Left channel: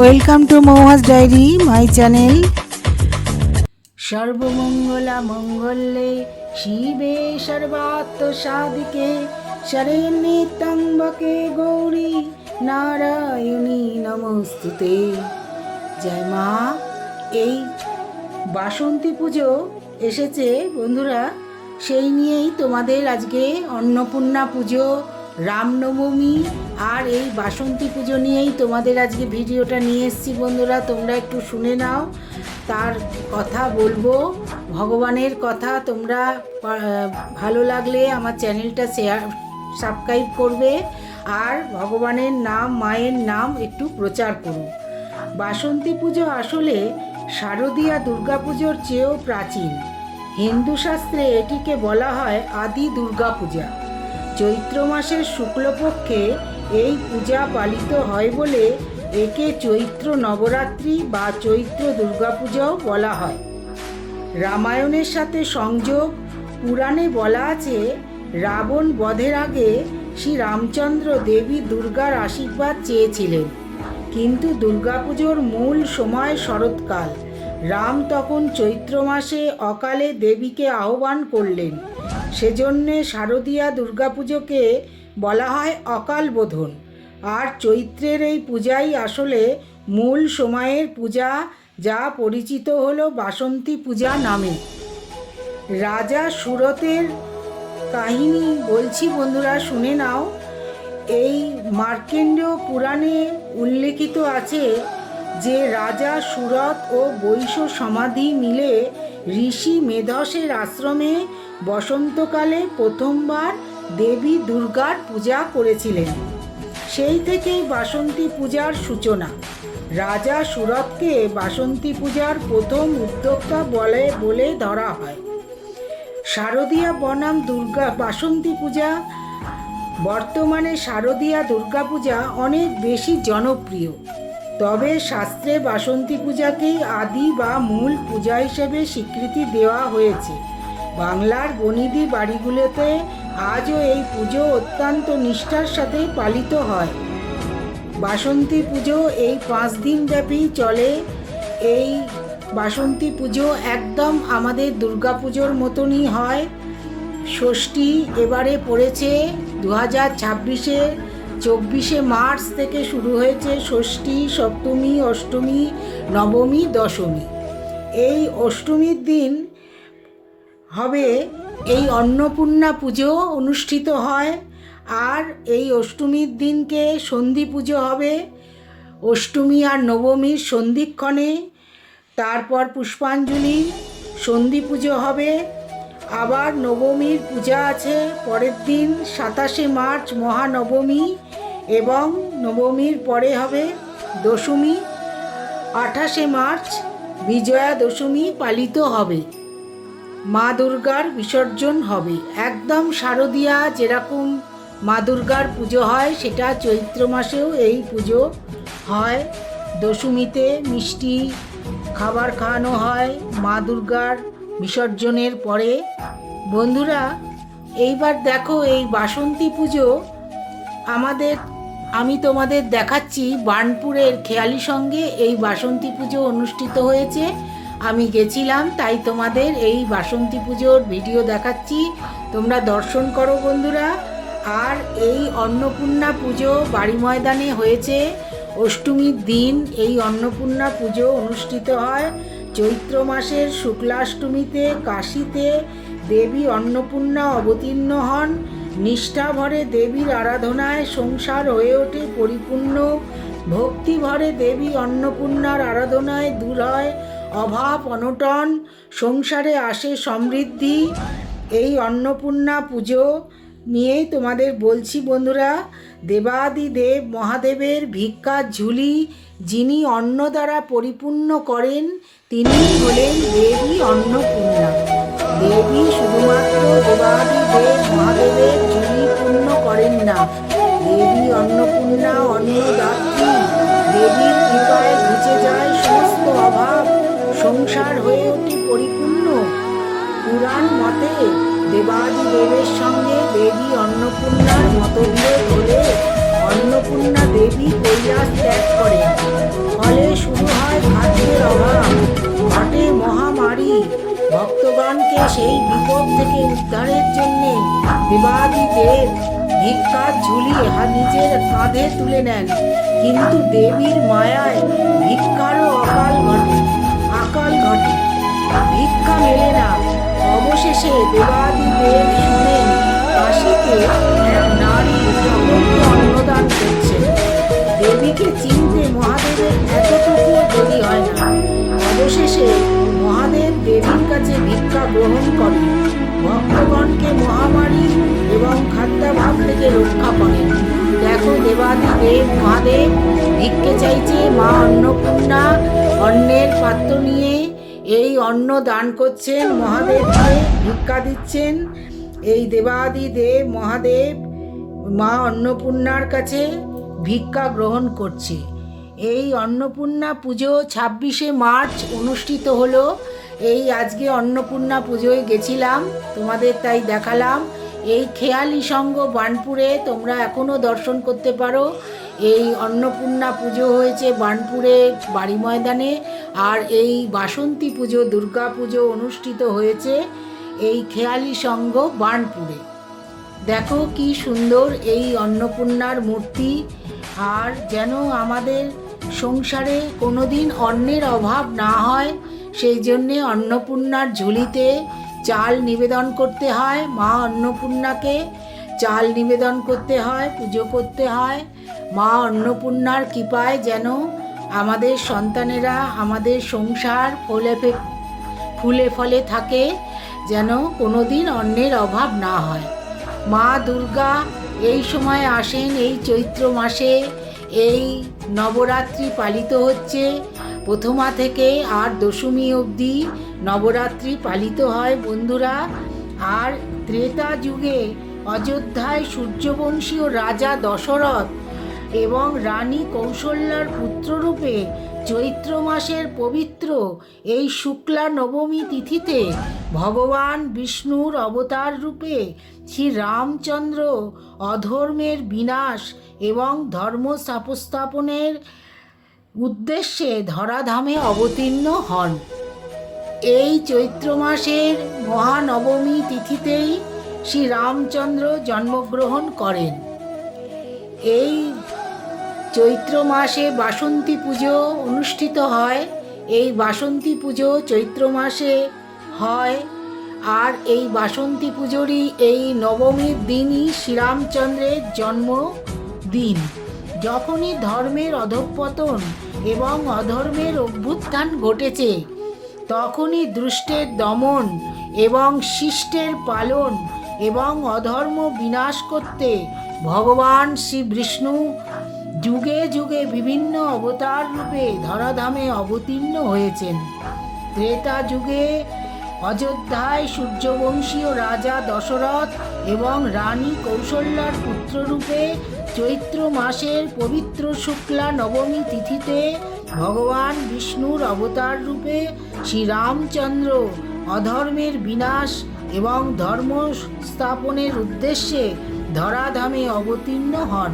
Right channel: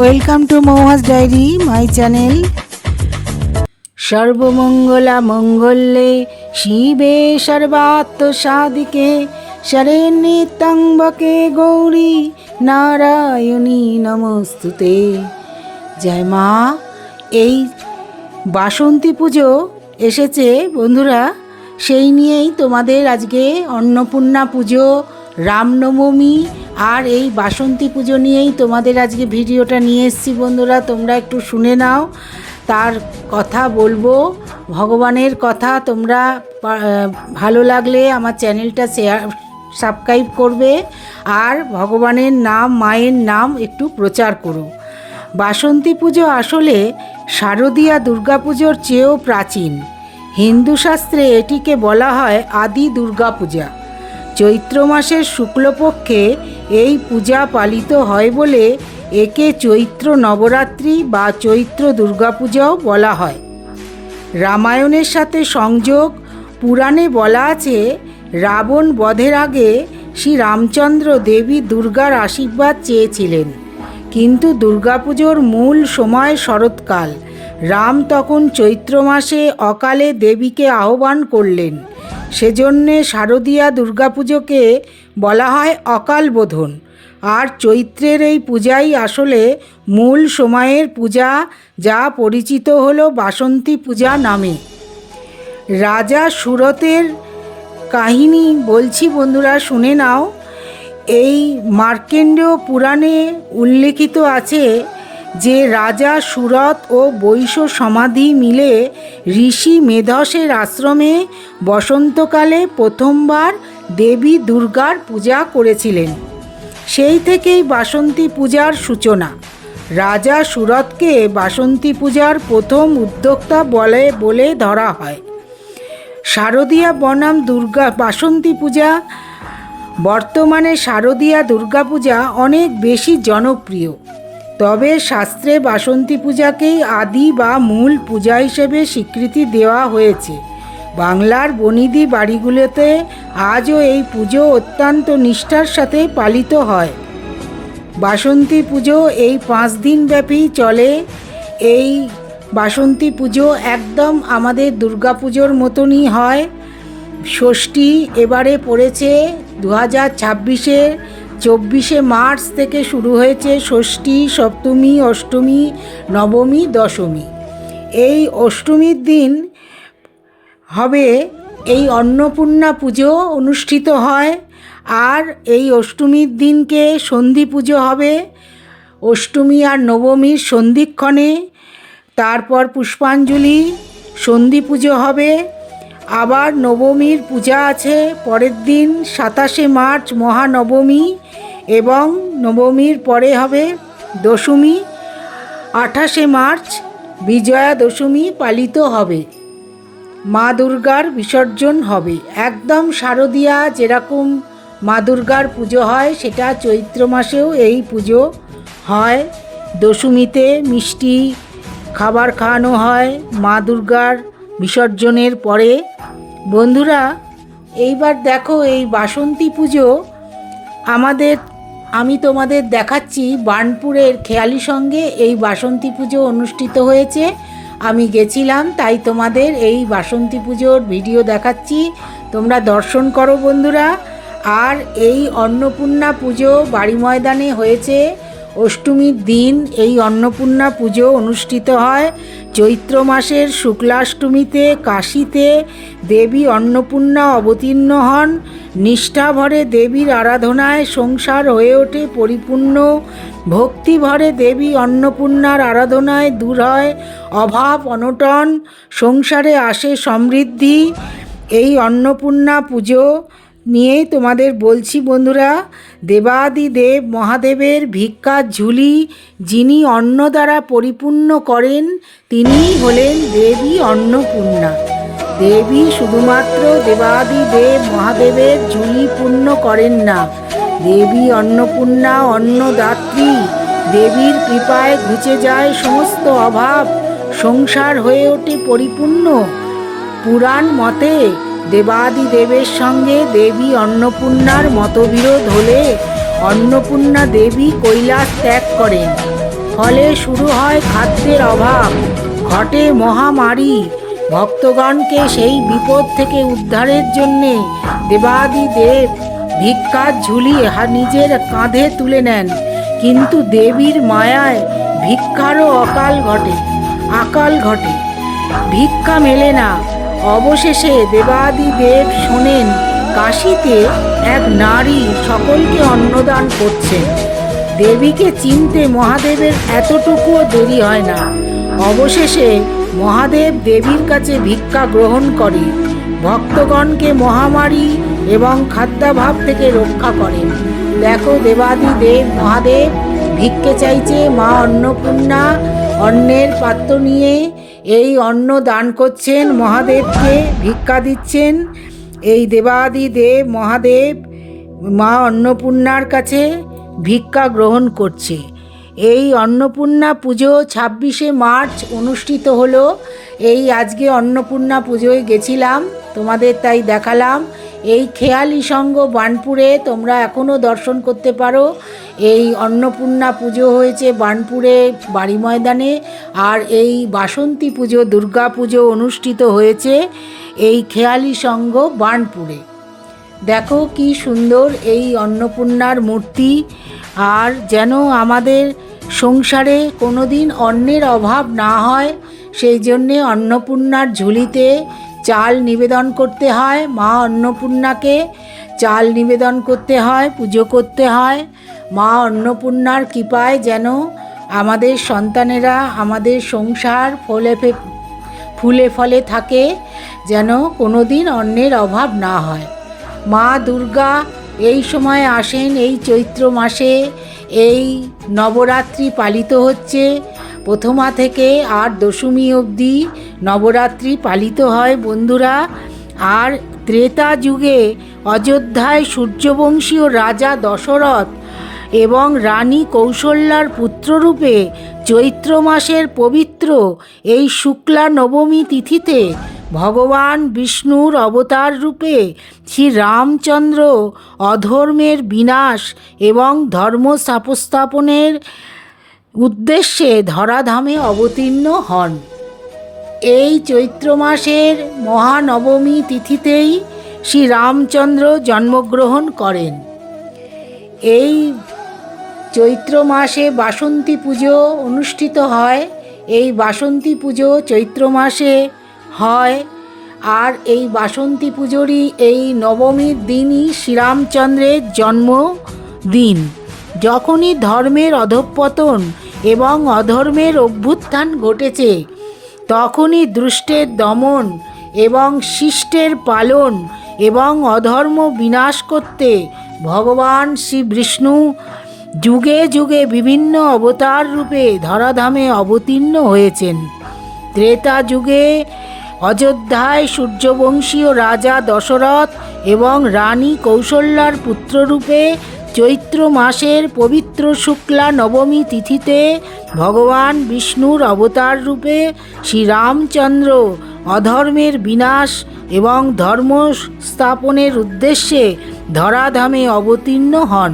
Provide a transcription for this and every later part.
Welcome to Mouha's diary my channel. সর্বমঙ্গলা মঙ্গলে শিবে সর্বাত্ম সাধিকে শরণ্যে ত্র্যম্বকে গৌরী নারায়ণী নমস্তুতে। জয় মা। এই বাসন্তী পুজো এসেছে বন্ধুরা, সেই নিয়েই তোমাদের আজকে অন্নপূর্ণা পুজো, রামনবমী আর এই বাসন্তী পুজো নিয়েই তোমাদের আজকে ভিডিওটা নিয়ে এসেছি বন্ধুরা। তোমরা একটু শুনে নাও, তার কথা বলবো, ভগবানের কথা। তোমরা ভালো লাগলে আমার চ্যানেলটা সাবস্ক্রাইব করবে আর ভগবানের নাম, মায়ের নাম একটু প্রচার করো। বাসন্তী পুজো আসলে শারদীয়া দুর্গাপুজোর চেয়েও প্রাচীন। হিন্দু শাস্ত্রে এটিকে বলা হয় আদি দুর্গাপূজা। চৈত্র মাসের শুক্লপক্ষে এই পূজা পালিত হয় বলে একে চৈত্র নবরাত্রি বা চৈত্র দুর্গাপূজাও বলা হয়। রামায়ণের সাথে সংযোগ। পুরাণে বলা আছে, রাবণ বধের আগে শ্রী রামচন্দ্র দেবী দুর্গার আশীর্বাদ চেয়েছিলেন, কিন্তু দুর্গাপুজোর মূল সময় শরৎকাল। রাম তখন চৈত্র মাসে অকালে দেবীকে আহ্বান করলেন। সেজন্যে শারদীয়া দুর্গাপুজোকে বলা হয় অকাল বোধন। আর চৈত্রের এই পূজাই আসলে মূল সময়ের পূজা, যা পরিচিত হলো বাসন্তী পূজা নামে। রাজা সুরতের কাহিনী বলছি বন্ধুরা, শুনে নাও। এই মার্কেন্ডেয় পুরাণে উল্লেখিত আছে যে রাজা সুরত ও বৈশ্য সমাধি মিলে ঋষি মেধসের আশ্রমে বসন্তকালে প্রথমবার দেবী দুর্গার পূজা করেছিলেন। সেই থেকেই বাসন্তী পূজার সূচনা। রাজা সুরতকে বাসন্তী পূজার প্রথম উদ্যোক্তা বলে ধরা হয়। শারদীয়া বনাম বাসন্তী পূজা। বর্তমানে শারদীয়া দুর্গাপূজা অনেক বেশি জনপ্রিয়, তবে শাস্ত্রে বাসন্তী পূজাকেই আদি বা মূল পূজা হিসেবে স্বীকৃতি দেওয়া হয়েছে। বাংলার বনিদি বাড়িগুলোতে আজও এই পুজো অত্যন্ত নিষ্ঠার সাথে পালিত হয়। বাসন্তী পুজো এই 5 দিন ব্যাপী চলে। এই বাসন্তী পুজো একদম আমাদের দুর্গাপুজোর মতনই হয়। ষষ্ঠী এবারে পড়েছে 2026-এ 24শে মার্চ থেকে শুরু হয়েছে ষষ্ঠী, সপ্তমী, অষ্টমী, নবমী, দশমী। এই অষ্টমীর দিন হবে এই অন্নপূর্ণা পুজো অনুষ্ঠিত হয়। আর এই অষ্টমীর দিনকে সন্ধি পুজো হবে। অষ্টমী আর নবমীর সন্ধিক্ষণে, তারপর পুষ্পাঞ্জলি, সন্ধি পুজো হবে। আবার নবমীর পূজা আছে পরের দিন 27শে মার্চ মহানবমী, এবং নবমীর পরে হবে দশমী। 28শে মার্চ বিজয়া দশমী পালিত হবে। মা দুর্গার বিসর্জন হবে। একদম শারদীয়া যেরকম মা দুর্গার পুজো হয়, সেটা চৈত্র মাসেও এই পুজো হয়। দশমীতে মিষ্টি খাবার খাওয়ানো হয় মা দুর্গার বিসর্জনের পরে। বন্ধুরা, এইবার দেখো এই বাসন্তী পুজো আমি তোমাদের দেখাচ্ছি বার্নপুরের খেয়ালি সঙ্গে এই বাসন্তী পুজো অনুষ্ঠিত হয়েছে। আমি গেছিলাম, তাই তোমাদের এই বাসন্তী পুজোর ভিডিও দেখাচ্ছি, তোমরা দর্শন করো বন্ধুরা। আর এই অন্নপূর্ণা পুজো বাড়ি ময়দানে হয়েছে। অষ্টমীর দিন এই অন্নপূর্ণা পুজো অনুষ্ঠিত হয়। চৈত্র মাসের শুক্লাষ্টমীতে কাশীতে দেবী অন্নপূর্ণা অবতীর্ণ হন। নিষ্ঠাভরে দেবীর আরাধনায় সংসার হয়ে ওঠে পরিপূর্ণ। ভক্তিভরে দেবী অন্নপূর্ণার আরাধনায় দূর হয় অভাব অনটন, সংসারে আসে সমৃদ্ধি। এই অন্নপূর্ণা পুজো নিয়ে তোমাদের বলছি বন্ধুরা। দেবাদিদেব মহাদেবের ভিক্ষার ঝুলি যিনি অন্ন দ্বারা পরিপূর্ণ করেন, তিনি হলেন দেবী অন্নপূর্ণা। দেবী শুধুমাত্র দেবাদিদেব মহাদেবের ঝুলি পূর্ণ করেন না, দেবী অন্নপূর্ণা অন্নদাত্রী। দেবীর কৃপায় ঘুচে যায় সমস্ত অভাব, সংসার হয়ে ওঠে পরিপূর্ণ। পুরাণ মতে দেবাদিদেবের সঙ্গে দেবী অন্নপূর্ণার মতবিরোধ হলে অন্নপূর্ণা দেবী কৈলাস ত্যাগ করেন। ফলে শুরু হয় খাদ্যের অভাব, ঘটে মহামারী। ভক্তগণকে সেই বিপদ থেকে উদ্ধারের জন্যে দেবাদিদেব ভিক্ষার ঝুলি নিজের কাঁধে তুলে নেন। কিন্তু দেবীর মায়ায় ভিক্ষারও আকাল ঘটে, ভিক্ষা মেলে না। অবশেষে দেবাদিদেব শোনেন কাশীতে এক নারী সকলকে অন্নদান করছে। দেবীকে চিনতে মহাদেবের এতটুকুও দেরি হয় না। অবশেষে মহাদেব দেবীর কাছে ভিক্ষা গ্রহণ করে ভক্তগণকে মহামারী এবং খাদ্যাভাব থেকে রক্ষা করেন। দেখো, দেবাদিদেব মহাদেব ভিক্ষে চাইছে, মা অন্নপূর্ণা অন্নের পাত্র নিয়ে এই অন্ন দান করছেন, মহাদেবকে ভিক্ষা দিচ্ছেন। এই দেবাদিদেব মহাদেব মা অন্নপূর্ণার কাছে ভিক্ষা গ্রহণ করছে। এই অন্নপূর্ণা পুজো 26শে মার্চ অনুষ্ঠিত হলো। এই আজকে অন্নপূর্ণা পুজোয় গেছিলাম, তোমাদের তাই দেখালাম। এই খেয়ালি সঙ্গ বার্নপুরে তোমরা এখনও দর্শন করতে পারো। এই অন্নপূর্ণা পুজো হয়েছে বার্নপুরে বাড়ি ময়দানে, আর এই বাসন্তী পুজো দুর্গা পুজো অনুষ্ঠিত হয়েছে এই খেয়ালি সঙ্গ বার্নপুরে। দেখো কি সুন্দর এই অন্নপূর্ণার মূর্তি। আর যেন আমাদের সংসারে কোনো দিন অন্নের অভাব না হয়, সেই জন্যে অন্নপূর্ণার ঝুলিতে চাল নিবেদন করতে হয়। মা অন্নপূর্ণাকে চাল নিবেদন করতে হয়, পুজো করতে হয়। মা অন্নপূর্ণার কৃপায় যেন আমাদের সন্তানেরা, আমাদের সংসার ফুলে ফলে থাকে, যেন কোনো দিন অন্নের অভাব না হয়। মা দুর্গা এই সময় আসেন, এই চৈত্র মাসে এই নবরাত্রি পালিত হচ্ছে। প্রথমা থেকে আর দশমী অবধি নবরাত্রি পালিত হয় বন্ধুরা। আর ত্রেতা যুগে অযোধ্যায় সূর্যবংশীয় রাজা দশরথ এবং রানী কৌশল্যার পুত্ররূপে চৈত্র মাসের পবিত্র এই শুক্লা নবমী তিথিতে ভগবান বিষ্ণুর অবতার রূপে শ্রী রামচন্দ্র অধর্মের বিনাশ এবং ধর্ম স্থাপনের উদ্দেশ্যে ধরাধামে অবতীর্ণ হন। এই চৈত্র মাসের মহানবমী তিথিতেই শ্রী রামচন্দ্র জন্মগ্রহণ করেন। এই চৈত্র মাসে বাসন্তী পুজো অনুষ্ঠিত হয়। এই বাসন্তী পুজো চৈত্র মাসে হয়। আর এই বাসন্তী পুজোরই এই নবমীর দিনই শ্রীরামচন্দ্রের জন্মদিন। যখনই ধর্মের অধঃপতন এবং অধর্মের অভ্যুত্থান ঘটেছে, তখনই দুষ্টের দমন এবং শিষ্টের পালন এবং অধর্ম বিনাশ করতে ভগবান শ্রী বিষ্ণু যুগে যুগে বিভিন্ন অবতার রূপে ধরাধামে অবতীর্ণ হয়েছেন। ত্রেতা যুগে অযোধ্যায় সূর্যবংশীয় রাজা দশরথ এবং রানী কৌশল্যার পুত্ররূপে চৈত্র মাসের পবিত্র শুক্লা নবমী তিথিতে ভগবান বিষ্ণুর অবতার রূপে শ্রীরামচন্দ্র অধর্মের বিনাশ এবং ধর্ম স্থাপনের উদ্দেশ্যে ধরাধামে অবতীর্ণ হন।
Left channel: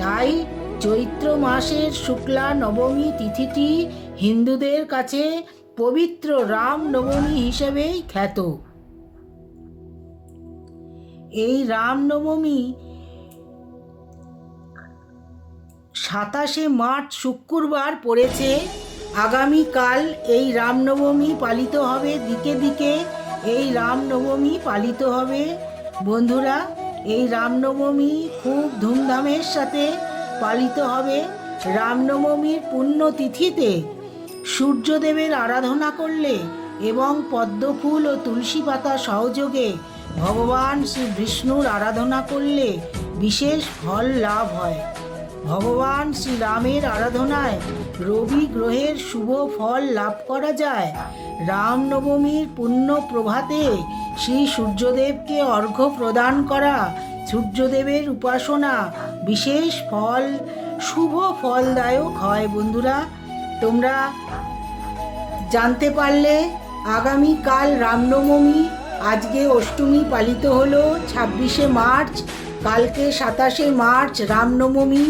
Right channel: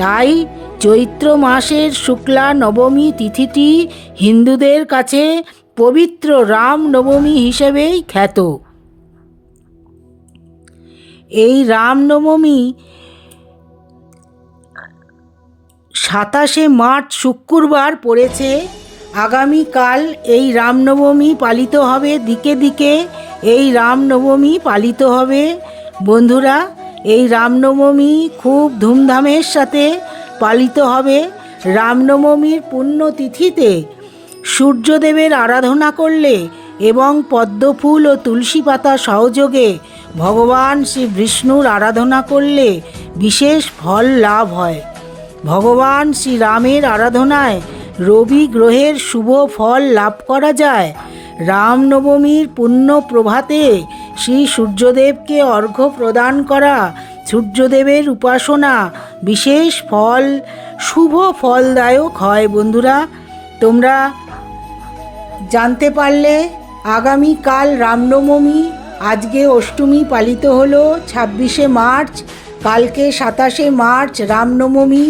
তাই চৈত্র মাসের শুক্লা নবমী তিথিটি হিন্দুদের কাছে পবিত্র রাম নবমী হিসেবেই খ্যাত। এই রামনবমী 27শে মার্চ শুক্রবার পড়েছে। আগামীকাল এই রামনবমী পালিত হবে, দিকে দিকে এই রামনবমী পালিত হবে বন্ধুরা। এই রামনবমী খুব ধুমধামের সাথে পালিত হবে। রামনবমীর পুণ্যতিথিতে সূর্যদেবের আরাধনা করলে এবং পদ্মফুল ও তুলসী পাতা সহযোগে ভগবান শ্রী বিষ্ণুর আরাধনা করলে বিশেষ ফল লাভ হয়। ভগবান শ্রীরামের আরাধনায় রবি গ্রহের শুভ ফল লাভ করা যায়। রামনবমীর পুণ্য প্রভাতে শ্রী সূর্যদেবকে অর্ঘ্য প্রদান করা, সূর্যদেবের উপাসনা বিশেষ শুভ ফলদায়ক হয় বন্ধুরা। তোমরা জানতে পারলে আগামীকাল রামনবমী, আজকে অষ্টমী পালিত হলো 26শে মার্চ, কালকে 27শে মার্চ রামনবমী।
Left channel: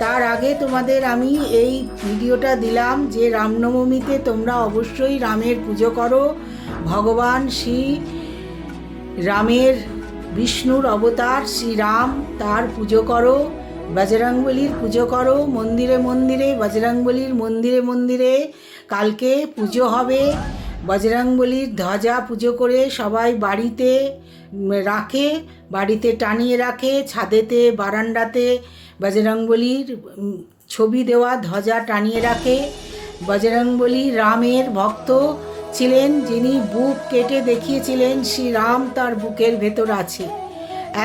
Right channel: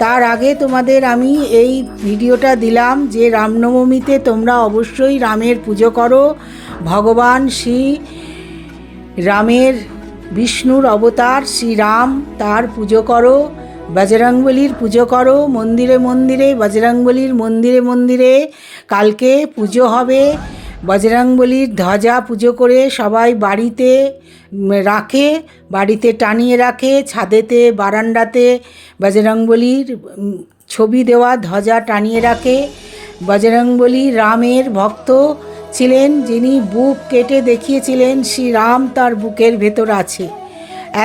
তার আগে তোমাদের আমি এই ভিডিওটা দিলাম যে রামনবমীতে তোমরা অবশ্যই রামের পুজো করো। ভগবান শ্রী রামের বিষ্ণুর অবতার শ্রীরাম, তার পুজো করো। বজরংবলীর পুজো করো মন্দিরে মন্দিরে, বজরংবলীর মন্দিরে মন্দিরে কালকে পুজো হবে। বজরংবলীর ধ্বজা পুজো করে সবাই বাড়িতে রাখে, বাড়িতে টানিয়ে রাখে, ছাদেতে বারান্দাতে বজরংবলীর ছবি দেওয়া ধ্বজা টানিয়ে রাখে। বজরংবলী রামের ভক্ত ছিলেন, যিনি বুক কেটে দেখিয়েছিলেন শ্রীরাম তার বুকের ভেতর আছে।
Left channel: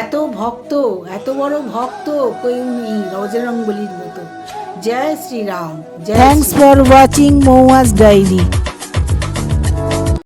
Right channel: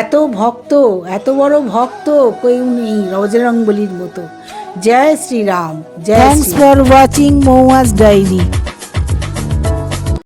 এত ভক্ত, এত বড় ভক্ত কেউ নেই বজরংবলীর মতো। জয় শ্রীরাম, জয়। Thanks for watching Mouha's diary.